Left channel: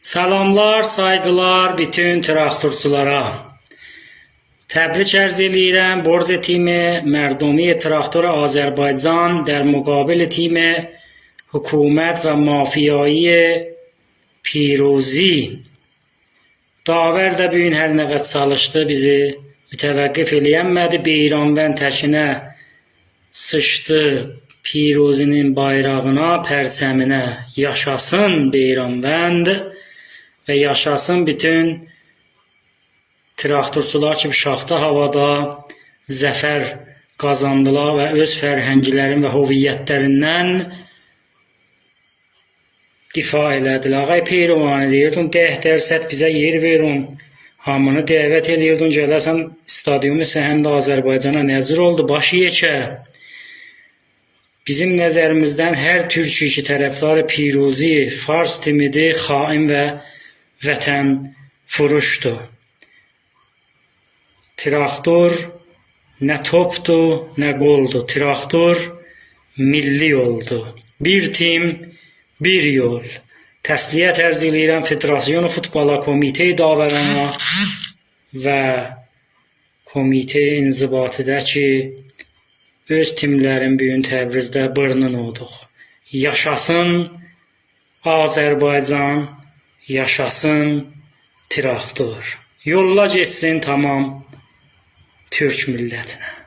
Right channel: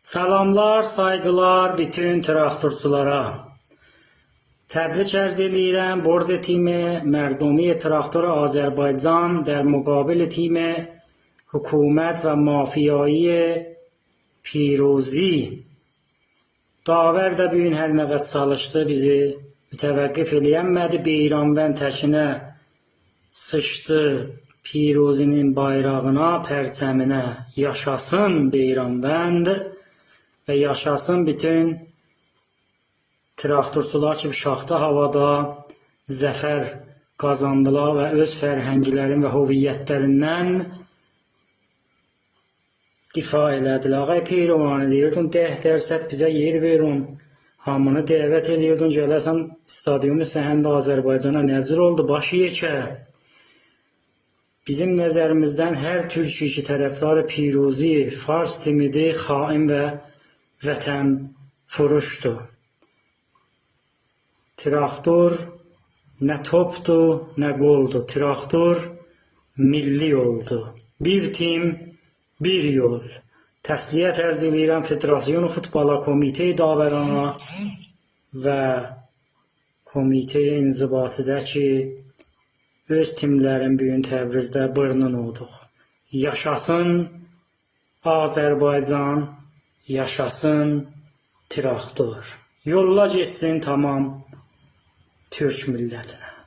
Salamlar, saygılar bütün traktorçulara. Təbrik ərz edirəm Bordo timi Mərdumi Traktor Azərbaycan در مقابل تیم حکومت و mafiyayı Pirozi. Davər də bu gün hər nə qədər çalışdı, bizi mütəvəqqif eləyənmədi. Beyranvənd təşinə sıçdı Pirozinin bayrağına, pərçəminə. Yaşasın Beyranvənd və yaşasın bütün traktorçular ki, şaxta havada zəfər qazandılar və öz fərhənglərin və hoviyyətlərindən difa elədilər. Ağay Peyrovani deyirdin, 10% bizə yer verin, hamını dəvət edirdin, gələsən stadyumu səhəndə Azərbaycana nəzir oldu, başı yekə. Bizim nəzərimizdən hər türk tərəfdarı Pirozi, Fars timidir, xain və vətən furuşdur. Traktor nə topdur, nə qoldur. Traktor milli oldu. Bir tim, bir yol. Təsliyyət ərz edirəm Federasyon Futbola, Komitə Davərana və Komitə İnzibatidə ki, öz timlərin bu gün Təbrizdə bırnın olduq. Yaşasın Azərbaycan, yaşasın traktor. Yolla geçsin tamam Türk millətinə.